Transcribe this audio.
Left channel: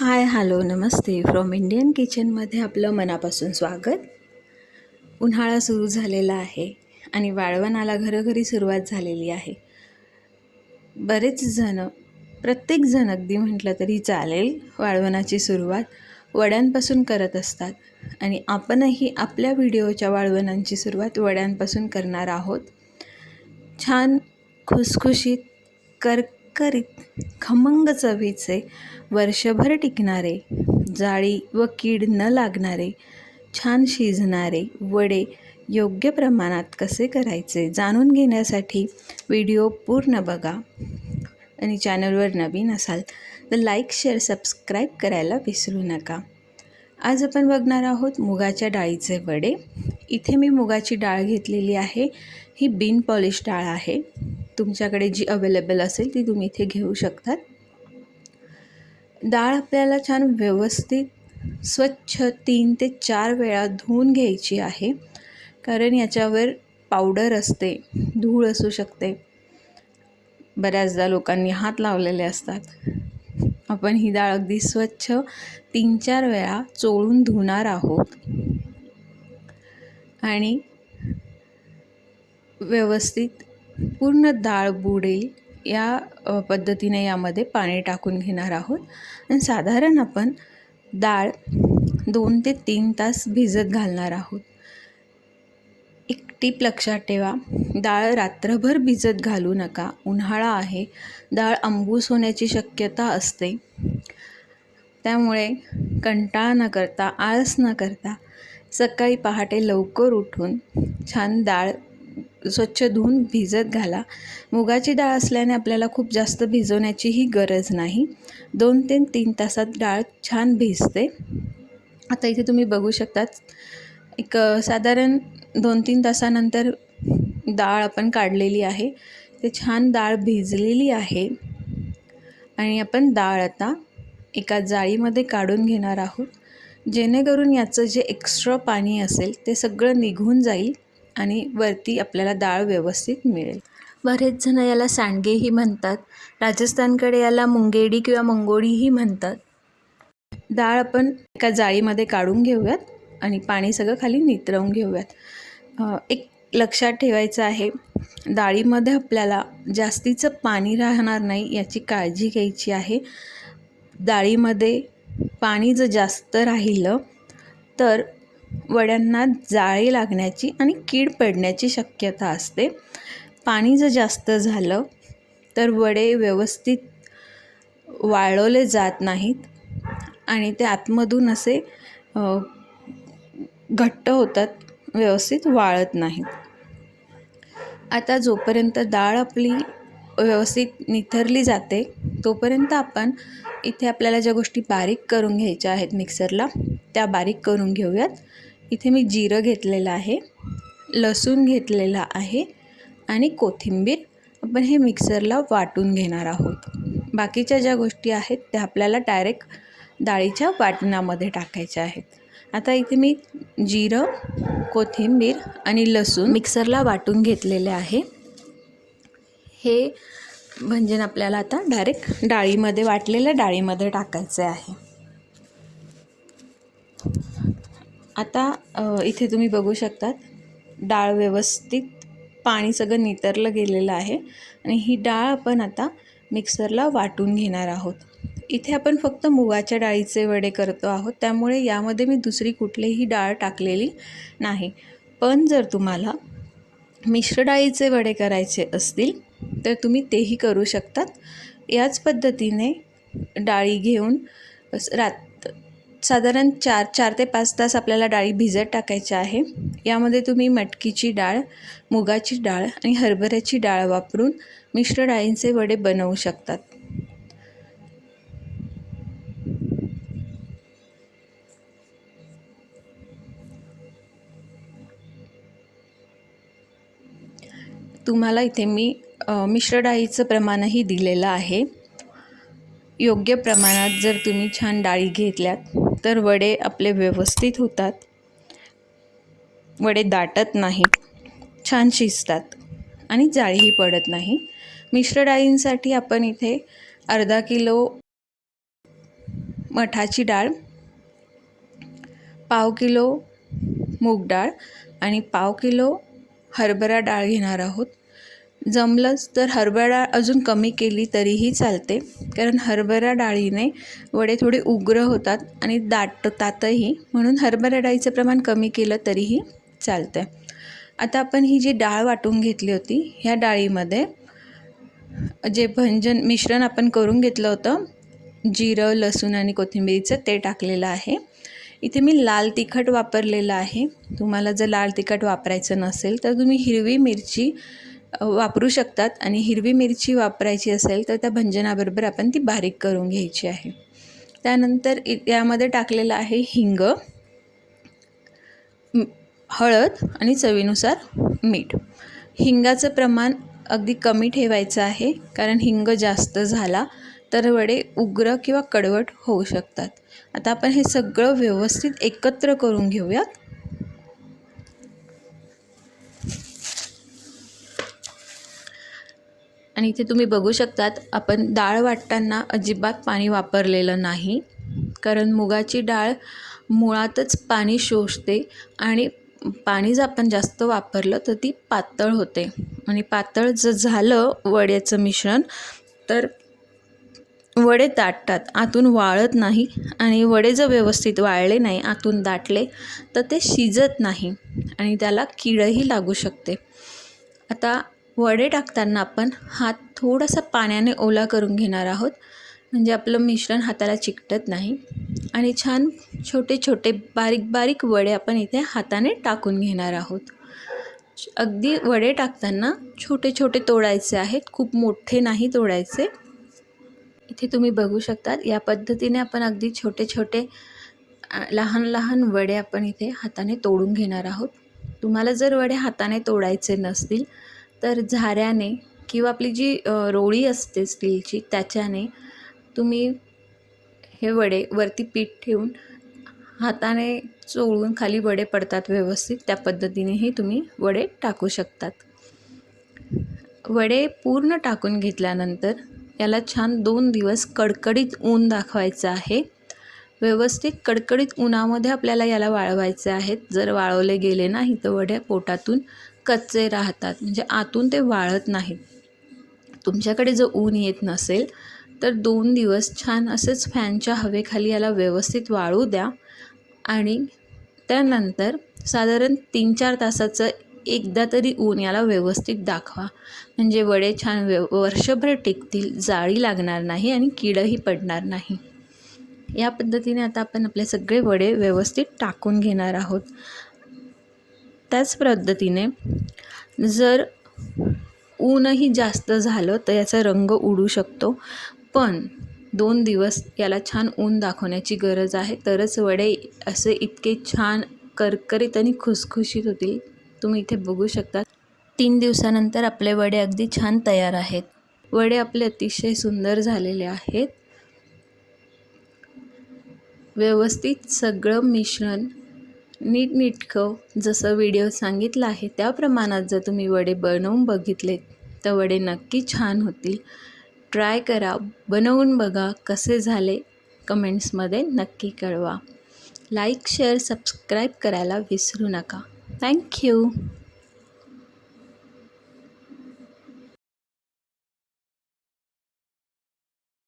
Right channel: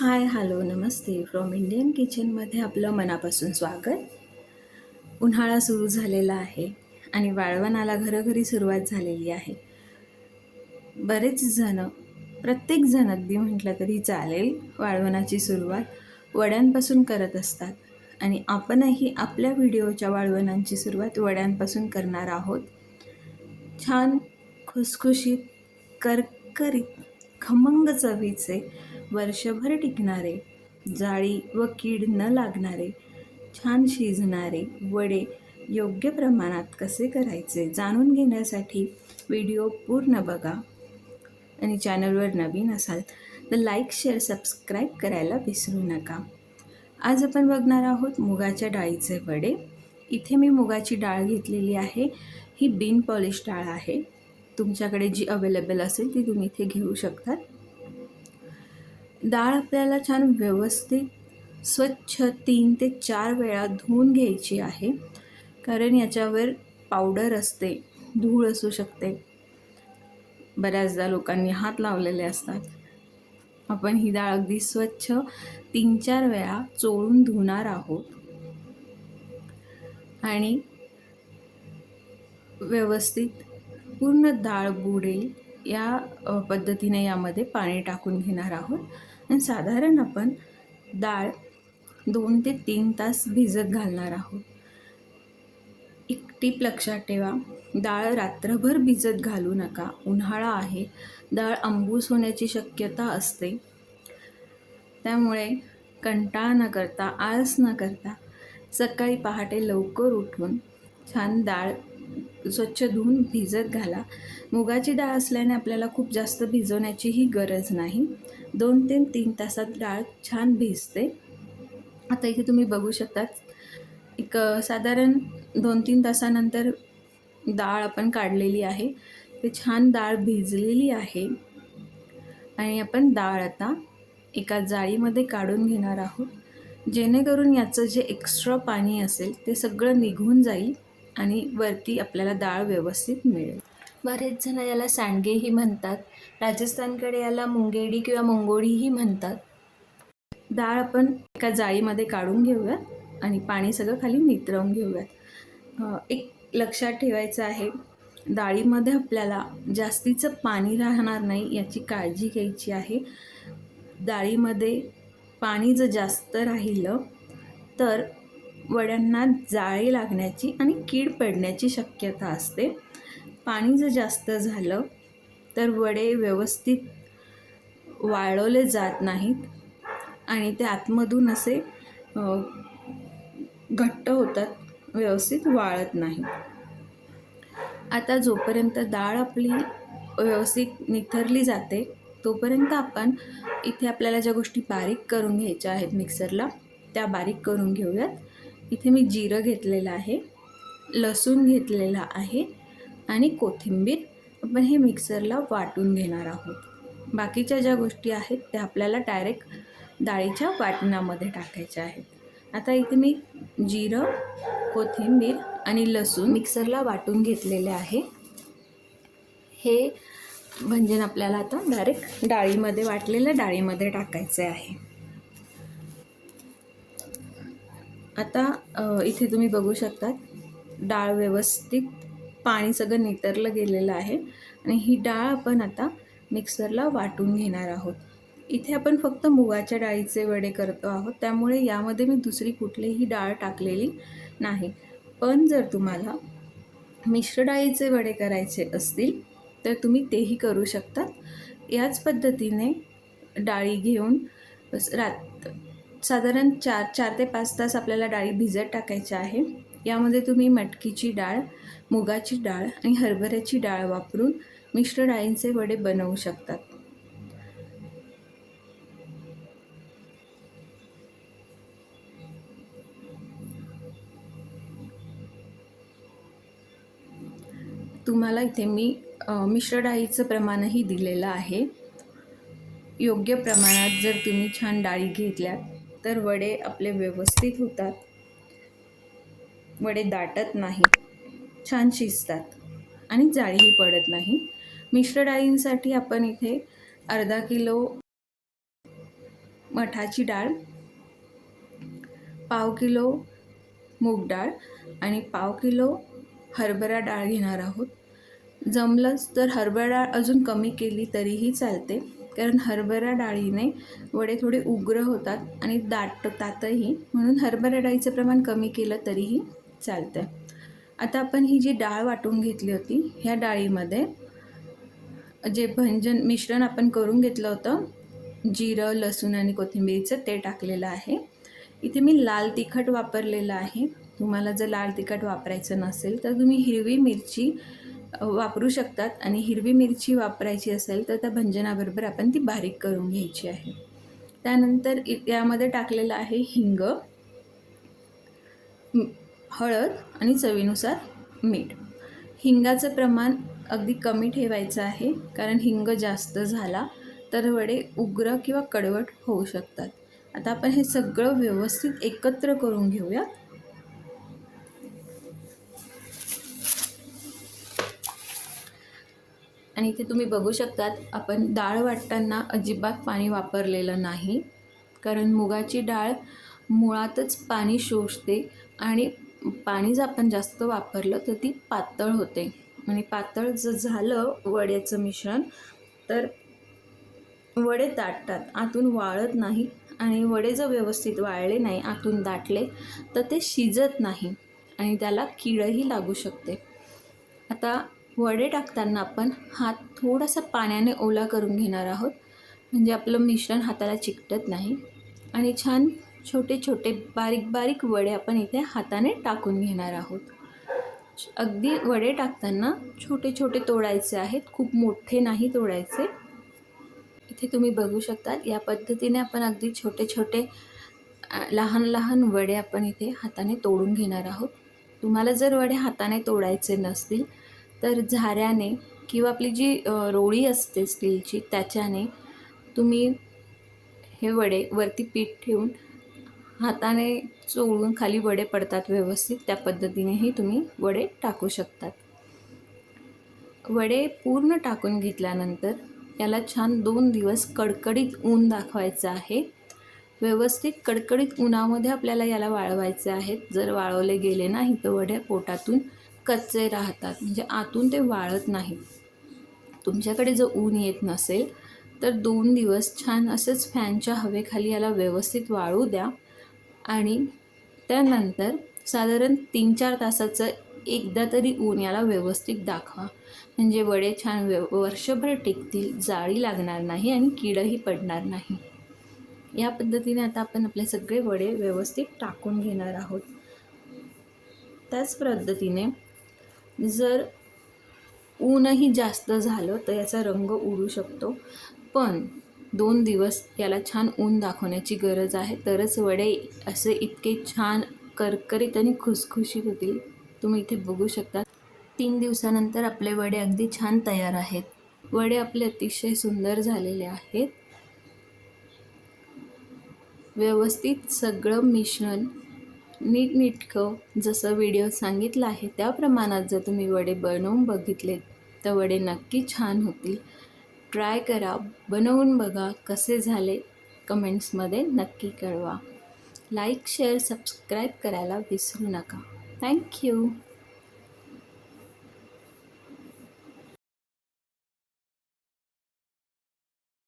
Hi hello namaste. From Indian किचनमध्ये आपलं मनापासून स्वागत. उन्हाळा सुरू झालेला आहे आणि वाळवणाला घरोघरी सुरुवात झालेली आहे. बरेच जण प्रत्येकजण अगदी म्हटलं तरी चालेल वाळवणाची सुरुवात वड्यांपासून करत असतात. आणि आपणही आपल्या व्हिडिओच्या वाळवणांची सुरुवात वड्यांपासून करणार आहोत. छान खुसखुशीत करकरीत खमंग चवीचे वर्षभर टिकणारे जाळी व कीड न लागणारे छान शिजणारे वडे योग्य प्रमाणात कसे करायचे जाणून घेण्यासाठी व्हिडिओ पूर्ण बघा. आणि चॅनलवर नवीन असाल तर लाईक शेअर सबस्क्राईब करायला विसरू नका. आज आपण बघणार आहोत मुगाच्या डाळीचे वडे. इथे मी मुगाची डाळ घेतलेली आहे. ही बिन पॉलिश डाळ आहे. तुमच्याकडे जी अवेलेबल असेल ती तुम्ही इथे घेऊ शकतात. डाळ आपल्याला छान व्यवस्थित स्वच्छ तीन ते चार वेळा धुवून घ्यायची आहे. कारण याच्यावर पावडर असते धूळ असू शकते. बऱ्याचदा लोकांनी हात लावलेले असतात. आपण ही डाळ अगदी स्वच्छ तीन चार वेळा चोळून धुणार आहोत. आणि व्यवस्थित पूर्ण डाळ बुडेल. या पद्धतीने यामध्ये पाणी टाकून घेणार आहोत. आणि साधारण आपण डाळ दोन ते तीन तास भिजत घालणार आहोत. एक टीप लक्षात ठेवा डाळ रात्रभर भिजत घालू नका. उन्हाळा आहे डाळ आंबूस होण्याची शक्यता असते. त्यामुळे कंटाळा न करता आळस न करता सकाळी पहाटे लवकर उठून छान डाळ स्वच्छ धुवून भिजत घाला. मुगाची डाळ असल्याने आपल्याला खूप जास्त भिजवण्याचीही गरज नाही. दोन ते तीन तासात डाळ छान भिजते. आता इथे तुम्ही बघू शकतात एक साधारण दोन तीन तासानंतर डाळ आपण काढलेली आहे. ते छान डाळ भिजलेली आहे. आणि आपण डाळ आता एका जाळीमध्ये काढून घेणार आहोत. जेणेकरून याचं जे एक्स्ट्रा पाणी असेल ते सगळं निघून जाईल. आणि वरती आपल्याला डाळ व्यवस्थित मिळेल. बरेच जण याला सांडगेही म्हणतात. राजस्थानकडे याला मुंगेडी किंवा मंगोडीही म्हणतात. डाळ आपण एका जाळीमध्ये काढून घेऊयात आणि पाणी सगळं खाली नितरवून घेऊयात. एक लक्षात ठेवायचं आहे डाळीमध्ये आपल्याला जास्तीचं पाणी राहणार नाही याची काळजी घ्यायची आहे. डाळीमध्ये पाणी जर जास्त राहिलं तर वड्यांना जाळी लागण्याची आणि कीड पडण्याची शक्यता असते. पाणी जर जास्त झालं तर वडे व्यवस्थित वाळवले जात नाहीत आणि ते आतमधून असे घट्ट होतात व्यवस्थित वाळत नाहीत. आता जोपर्यंत डाळ आपली व्यवस्थित निथरली जाते तोपर्यंत आपण इथे आपल्याला ज्या गोष्टी बारीक करून घ्यायच्या आहेत मिक्सरला त्या बारीक करून घेऊयात. इथे मी जिरं घेतलेलं आहे लसूण घेतलेला आहे आणि कोथिंबीर आपण हे मिक्सरला वाटून घेणार आहोत. बाकीच्या ज्या गोष्टी आहेत त्या आपल्याला डायरेक्ट डाळीच्या वाटणामध्ये टाकायच्या आहेत. आता इथे मी जिरं कोथिंबीर आणि लसूण मिक्सरला वाटून घेतलेले आहे. हे भंजन आपल्याला आता डायरेक्ट डाळीमध्ये वाटलेल्या डाळीमध्ये टाकायचे आहे. आता इथे तुम्ही बघू शकतात डाळ व्यवस्थित पाणी सगळं नितरलं गेलेलं आहे आणि ही डाळ आपण आता मिक्सरला वाटून घेणार आहोत. इथे आपण फक्त मुगाच्या डाळीचे वडे करतो आहोत त्यामुळे यामध्ये मी दुसरी कुठलीही डाळ टाकलेली नाही. पण जर तुम्हाला मिश्र डाळीचे वडे करायचे असतील तर तुम्ही तेही करू शकतात. याच पद्धतीने डाळी घेऊन रात साधारण चार चार ते पाच तास आपल्याला डाळी भिजत टाकायच्या आहे. यामध्ये तुम्ही मटकीची डाळ मुगाची डाळ आणि हरभऱ्याची डाळ वापरून मिश्र डाळींचे वडे बनवू शकतात. तुम्हाला इथे मी मिश्र डाळीचं प्रमाणही दिलेलं आहे. योग्य प्रमाणात जर तुम्ही छान डाळी घेतल्यात तर वडे आपले व्यवस्थित होतात. वडे दाटत नाहीत छान शिजतात आणि जाळीही पडत नाही. मिश्र डाळींसाठी आपण इथे अर्धा किलो मठाची डाळ पाव किलो मूग डाळ आणि पाव किलो हरभरा डाळ घेणार आहोत. जमलंच तर हरभरा डाळ अजून कमी केली तरीही चालते. कारण हरभरा डाळीने वडे थोडे उग्र होतात आणि दाटतातही म्हणून हरभरा डाळीचं प्रमाण कमी केलं तरीही चालतं आता आपण ही जी डाळ वाटून घेतली होती ह्या डाळीमध्ये जे भंजन मिश्रण आपण करून घेतलं होतं जिरं लसूण आणि कोथिंबीरीचं ते टाकलेलं आहे. इथे मी लाल तिखट वापरलेलं आहे. तुम्हाला जर लाल तिखट वापरायचं नसेल तर तुम्ही हिरवी मिरची वापरू शकतात आणि हिरवी मिरची वापरायची असेल तर त्या भंजनाबरोबर आपण ती बारीक करून घ्यायची आहे. त्यानंतर यामध्ये टाकलेलं आहे हिंग हळद आणि चवीनुसार मीठ. हिंगाचं प्रमाण अगदी कमी ठेवायचं आहे कारण हिंग जास्त झाला तर वडे उग्र किंवा कडवट होऊ शकतात. आता आपण हे सगळं व्यवस्थित एकत्र करून घेऊयात. आणि इथे तुम्ही बघू शकतात आपण डाळ वाटताना अजिबात पाणी वापरलेलं नाही. कारण मुगाची डाळ मुळातच पाणी शोषते आणि पाणी जर आपण जास्त वापरलं तर ती पातळ होते. आणि पातळ जर झालं वड्याचं मिश्रण तर वडे दाटतात आतून वाळत नाही. आणि वडे जर व्यवस्थित वाळले नाही आतून दाटले तर ते शिजत नाही आणि त्याला किडही लागू शकते. आता वडे टाकताना आपण हात थोडासा पाण्याने ओला करून घेणार आहोत. म्हणजे आपलं मिश्रण हाताला चिकटत नाही. आणि छान छोटे छोटे बारीक बारीक वडे आपण इथे हाताने टाकून घेणार आहोत. अगदी वडे टाकताना छोटे छोटे तोडायचे आहेत. खूप मोठे नाही तोडायचे. इथे तुम्ही बघू शकता या पद्धतीने आपण अगदी छोटे छोटे लहान लहान वडे आपण इथे हाताने तोडून घेणार आहोत. तुम्हाला जर वडे हाताने तोडायचे नसतील तर झाऱ्याने किंवा आपली जी रोळी असते स्टीलची त्याच्याने तुम्ही हे वडे वरती पीठ ठेवून हाताने चोळून खाली वडे पडतात व्यवस्थित त्या पद्धतीनेही तुम्ही वडे टाकू शकतात. वडे पूर्ण टाकून घेतल्यानंतर याला छान दोन दिवस कडकडीत ऊन दाखवायचं आहे. व्यवस्थित कडकडीत उन्हामध्ये आपल्याला याला वाळवायचे आहेत. जर वाळवले गेले नाही तर वड्या पोटातून कच्चे राहतात. म्हणजे आतून ते वाळत नाहीत. तुमच्याकडे जर ऊन येत नसेल तर दोन दिवस छान असंच फॅनच्या हवेखाली याला व्यवस्थित वाळू द्या. आणि त्यानंतर साधारण तीन चार तासाचं एकदा तरी ऊन याला व्यवस्थित दाखवा. म्हणजे वडे छान व्य वर्षभर टिकतील जाळी लागणार नाही आणि किडही पडणार नाही. या पद्धतीने आता आपण आपले सगळे वडे व्यवस्थित टाकून घेणार आहोत. त्याच पद्धतीने जर ऊनही जास्त झालं तर याचा रंग उडू शकतो. पण दोन दिवस याला छान ऊन दाखवण्याची गरज आहे. तरच वडे असे इतके छान करकरीत आणि खुसखुशीत होतील. तुम्ही इथे बघू शकता. तीन दिवसानंतर आपले वडे अगदी छान तयार आहेत. वडे आपले अतिशय सुंदर झालेले आहेत. व्यवस्थित सगळं मिश्रण नीटनीटकं जसं व्हिडिओ सांगितलं आहे त्या प्रमाणात जर तुम्ही वडे बनवून बघितले तर वडे नक्की छान होतील. ट्राय करा. बनवून बघा कसे झाले. कमेंट्समध्ये नक्की कळवा. लाईक शेअर सबस्क्राईब करायला विसरू नका. थँक्यू